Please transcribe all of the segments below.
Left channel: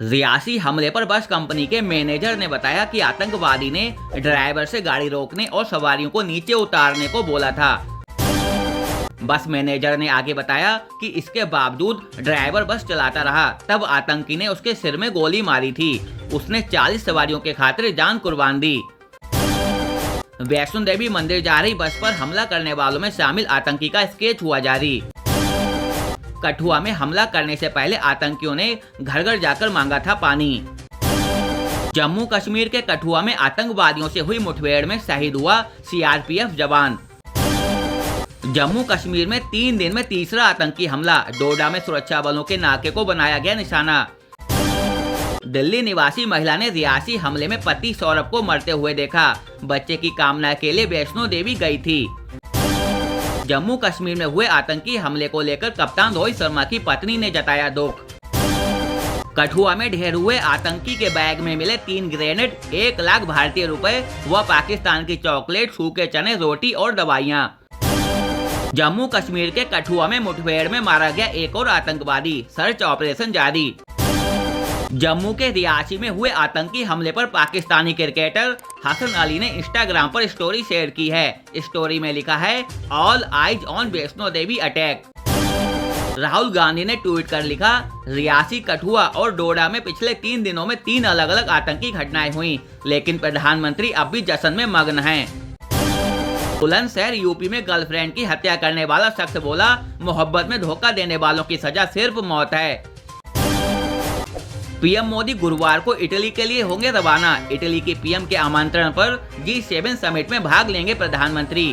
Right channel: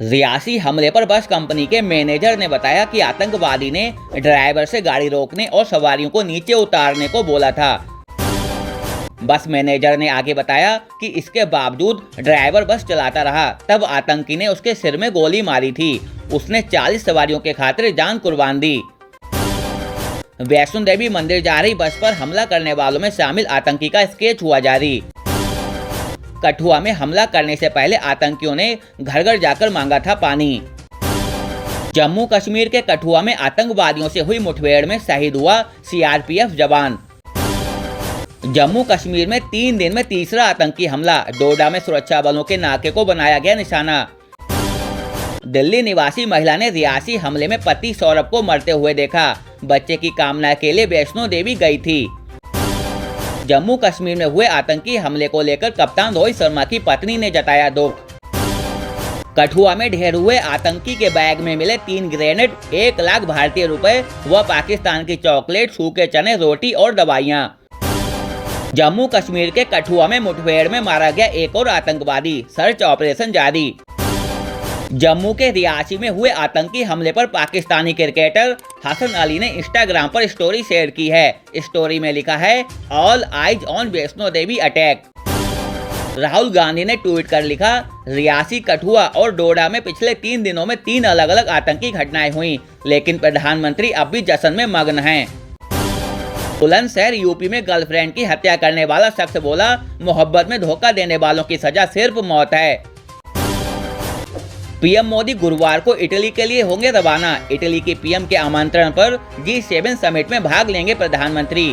रियासी हमले पर बस कंपनी के मैनेजर ने बताया कि आतंकवादी ने ड्राइवर से गाड़ी रोकने और सवारियों को नीचे उतारने को बोला था। बस मैनेजर ने आगे बताया कि इसके बावजूद ड्राइवर बस चलाता रहा, तब आतंकी ने उसके सिर में गोली मारी थी। उसने 40 सवारियों के खातिर जान कुर्बान दी। वैष्णो देवी मंदिर जा रही बस पर हमला करने वालों में शामिल आतंकी का स्केच हुआ जारी। कठुआ में हमला करने से पहले आतंकियों ने घर घर जाकर मांगा था पानी। जम्मू कश्मीर के कठुआ में आतंकवादियों से हुई मुठभेड़ में शहीद हुआ सीआरपीएफ जवान। जम्मू कश्मीर में 3 दिन में तीसरा आतंकी हमला। डोडा में सुरक्षा बलों के नाके को बनाया गया निशाना। दिल्ली निवासी महिला ने रियासी हमले में पति सौरभ को मरते हुए देखा। बच्चे की कामना के लिए वैष्णो देवी गई थी। जम्मू कश्मीर में हुए आतंकी हमले को लेकर कप्तान रोहित शर्मा की पत्नी ने जताया दुख। कठुआ में ढेर हुए आतंकी के बैग में मिले 3 ग्रेनेड, 1 लाख भारतीय रुपए व पाकिस्तान की चॉकलेट, सूखे चने, रोटी और दवाइयां। जम्मू कश्मीर के कठुआ में मुठभेड़ में मारा गया एक और आतंकवादी। सर्च ऑपरेशन जारी। जम्मू के रियासी में हुए आतंकी हमले पर पाकिस्तानी क्रिकेटर हसन अली ने इंस्टाग्राम पर स्टोरी शेयर की है। स्टोरी में लिखा है, all eyes on Vaishno Devi attack. Rahul Gandhi ने ट्वीट कर लिखा, रियासी, कठुआ और डोडा में पिछले 3 दिनों में 3 अलग अलग आतंकी घटनाएं हुई, लेकिन प्रधानमंत्री अब भी जश्न में मग्न हैं। बुलंदशहर यूपी में गर्लफ्रेंड की हत्या करने वाला शख्स बोला, मोहब्बत में धोखा देने वालों की सजा सिर्फ मौत है। पीएम मोदी गुरुवार को इटली के लिए होंगे रवाना। इटली की पीएम के आमंत्रण पर G7 समिट में भाग लेंगे प्रधानमंत्री।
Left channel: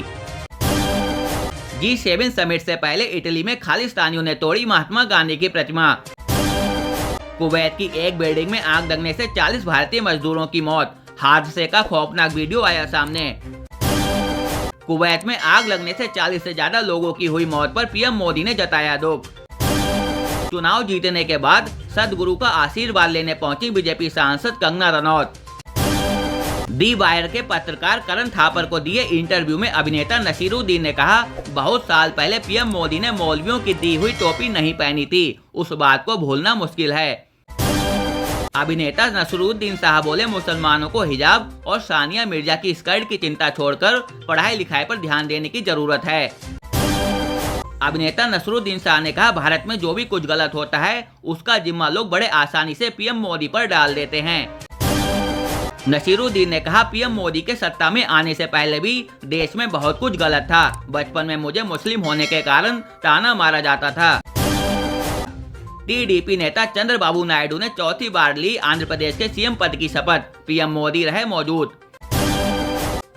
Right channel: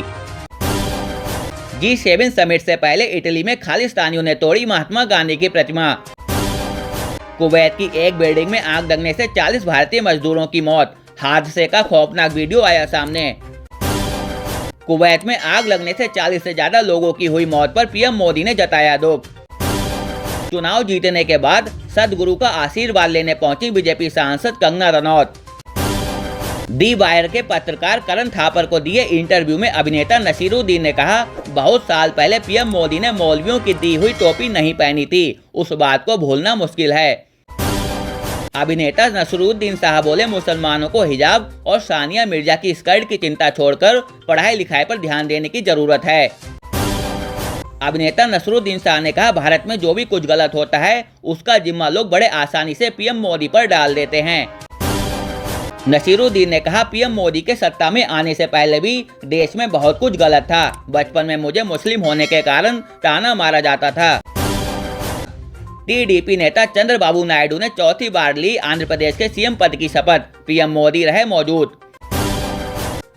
G7 समिट से पहले इटली में खालिस्तानियों ने तोड़ी महात्मा गांधी की प्रतिमा। कुवैत की एक बिल्डिंग में आग लगने से 40 भारतीय मजदूरों की मौत। हादसे का खौफनाक वीडियो आया सामने। कुवैत में आग लगने से 40 से ज्यादा लोगों की हुई मौत पर पीएम मोदी ने जताया दुख। चुनाव जीतने के बाद सदगुरु का आशीर्वाद लेने पहुंची बीजेपी सांसद कंगना रनौत। दी वायर के पत्रकार करण थापर को दिए इंटरव्यू में अभिनेता नसीरुद्दीन ने कहा, बहुत साल पहले पीएम मोदी ने मौलवियों की दी हुई टोपी नहीं पहनी थी, उस बात को भूलना मुश्किल है। अभिनेता नसीरुद्दीन साहब बोले, मुसलमानों को हिजाब और सानिया मिर्जा की स्कर्ट की चिंता छोड़कर पढ़ाई लिखाई पर ध्यान देने की जरूरत है। अभिनेता नसीरुद्दीन शाह ने कहा, भारत में जो भी कुछ गलत होता है उसका जिम्मा लोग बड़े आसानी से पीएम मोदी पर डाल देते हैं। नसीरुद्दीन ने कहा, पीएम मोदी के सत्ता में आने से पहले भी देश में बहुत कुछ गलत था। बचपन में मुझे मुस्लिम होने के कारण ताना मारा जाता था। टीडीपी नेता चंद्रबाबू नायडू ने चौथी बार ली आंध्र प्रदेश के सीएम पद की शपथ। पीएम मोदी रहे मौजूद।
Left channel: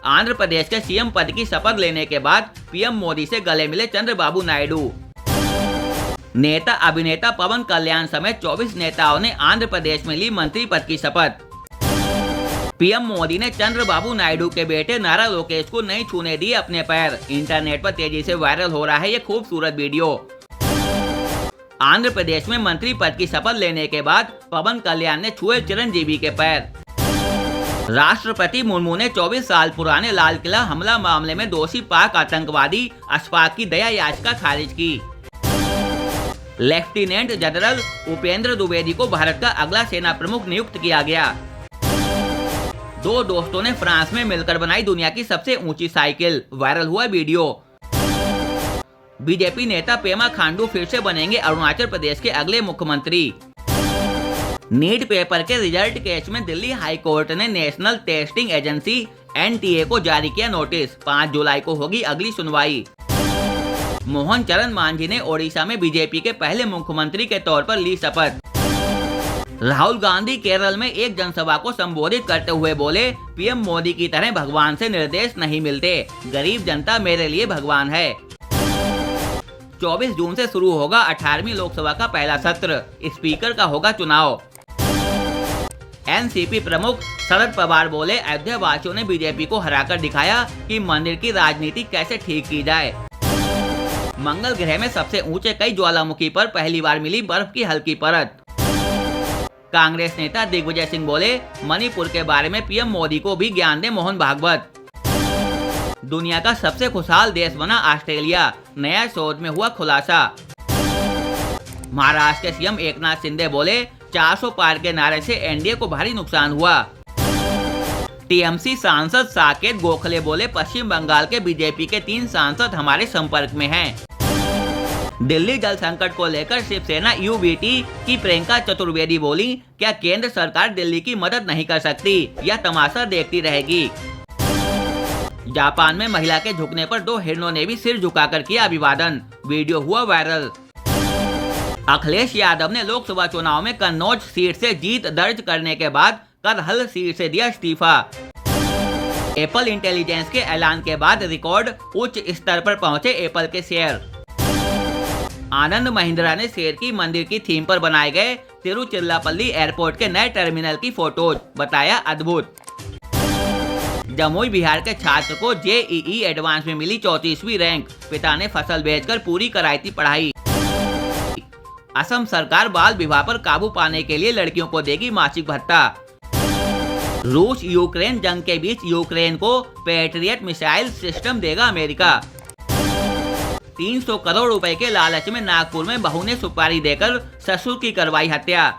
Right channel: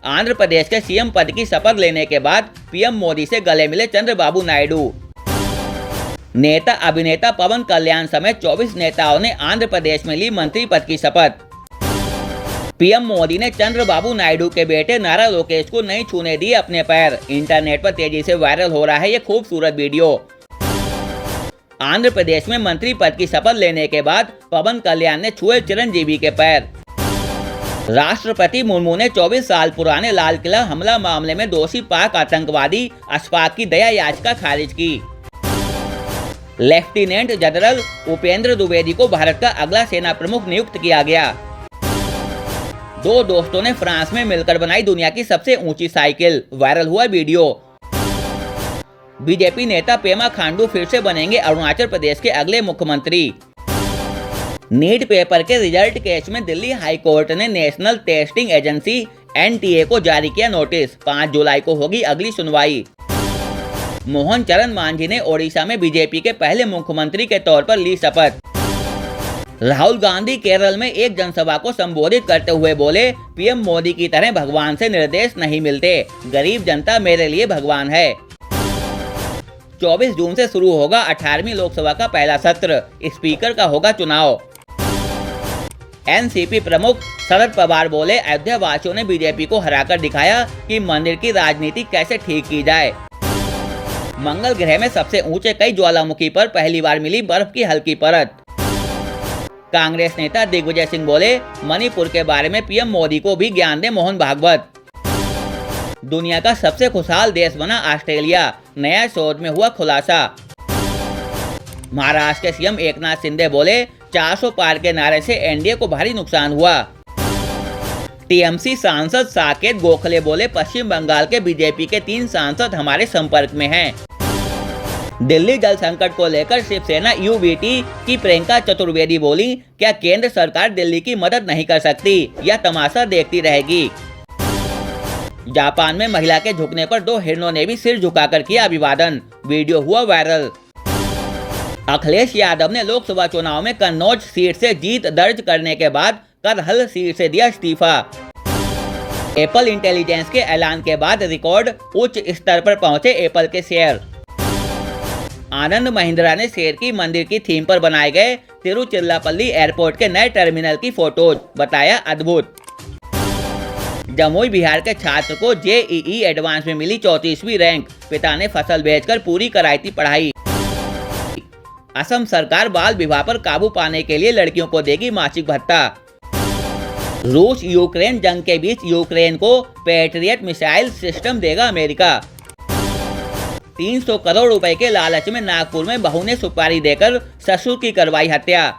आंध्र प्रदेश के सीएम पद की शपथ लेने के बाद पीएम मोदी से गले मिले चंद्रबाबू नायडू। नेता अभिनेता पवन कल्याण समेत 24 नेताओं ने आंध्र प्रदेश में ली मंत्री पद की शपथ। पीएम मोदी ने चंद्रबाबू नायडू के बेटे नारा लोकेश को नहीं छूने दिए अपने पैर। इंटरनेट पर तेजी से वायरल हो रहा है ये खूबसूरत वीडियो। आंध्र प्रदेश में मंत्री पद की शपथ लेने के बाद पवन कल्याण ने छुए चिरंजीवी के पैर। राष्ट्रपति मुर्मू ने 24 साल पुराने लाल किला हमला मामले में दोषी पाक आतंकवादी अशफाक की दया याचिका खारिज की। लेफ्टिनेंट जनरल उपेंद्र द्विवेदी को भारत का अगला सेना प्रमुख नियुक्त किया गया। 2 दोस्तों ने फ्रांस में मिलकर बनाई दुनिया की सबसे ऊंची साइकिल। वायरल हुआ वीडियो। बीजेपी नेता पेमा खांडू फिर से बनेंगे अरुणाचल प्रदेश के अगले मुख्यमंत्री। नीट पेपर के रिजल्ट केस में दिल्ली हाई कोर्ट ने नेशनल टेस्टिंग एजेंसी NTA को जारी किया नोटिस। 5 जुलाई को होगी अगली सुनवाई। मोहन चरण मांझी ने ओडिशा में बीजेपी के पहले मुख्यमंत्री के तौर पर ली शपथ। राहुल गांधी केरल में एक जनसभा को संबोधित करते हुए बोले, पीएम मोदी की तरह भगवान से निर्देश नहीं मिलते, गरीब जनता मेरे लिए भगवान है। 24 जून से शुरू होगा 18वीं लोकसभा का पहला सत्र। स्पीकर का होगा चुनाव। एनसीपी प्रमुख शरद पवार बोले, अयोध्या वासियों ने बीजेपी को हराकर दिखाया कि मंदिर की राजनीति कैसे ठीक की जाए। मंगल ग्रह में सबसे ऊंचे कई ज्वालामुखी पर पहली बार मिली बर्फ की हल्की परत। कांग्रेस नेता दिग्विजय सिंह बोले, मणिपुर के बारे में पीएम मोदी को भी ज्ञान दे मोहन भागवत। दुनिया का सबसे खुशहाल देश बना ऑस्ट्रेलिया, नया शोध में हुआ खुलासा। महाराष्ट्र के सीएम एकनाथ शिंदे बोले, 400 पार के नारे से एनडीए को भारी नुकसान हुआ। टीएमसी सांसद साकेत गोखले बोले, पश्चिम बंगाल के बीजेपी के 3 सांसद हमारे संपर्क में हैं। दिल्ली जल संकट को लेकर शिवसेना यूबीटी की प्रियंका चतुर्वेदी बोली, क्या केंद्र सरकार दिल्ली की मदद नहीं कर सकती, यह तमाशा देखती रहेगी। जापान में महिला के झुकने पर 2 हिरणों ने भी सिर झुकाकर किया अभिवादन, वीडियो हुआ वायरल। अखिलेश यादव ने लोकसभा चुनाव में कन्नौज सीट से जीत दर्ज करने के बाद करहल सीट से दिया इस्तीफा। एप्पल इंटेलिजेंस के ऐलान के बाद रिकॉर्ड उच्च स्तर पर पहुंचे एप्पल के शेयर। आनंद महिंद्रा ने शेर की मंदिर की थीम पर बनाए गए तिरुचिरापल्ली एयरपोर्ट के नए टर्मिनल की फोटोज बताया अद्भुत। जमुई बिहार के छात्र को जेईई एडवांस में मिली 34वीं रैंक, पिता ने फसल बेचकर पूरी कराई थी पढ़ाई। असम सरकार बाल विवाह पर काबू पाने के लिए लड़कियों को देगी मासिक भत्ता। रूस यूक्रेन जंग के बीच यूक्रेन को पैट्रियट मिसाइल सिस्टम देगा अमेरिका। 300 करोड़ रुपए के लालच में नागपुर में बहू ने सुपारी देकर ससुर की करवाई हत्या।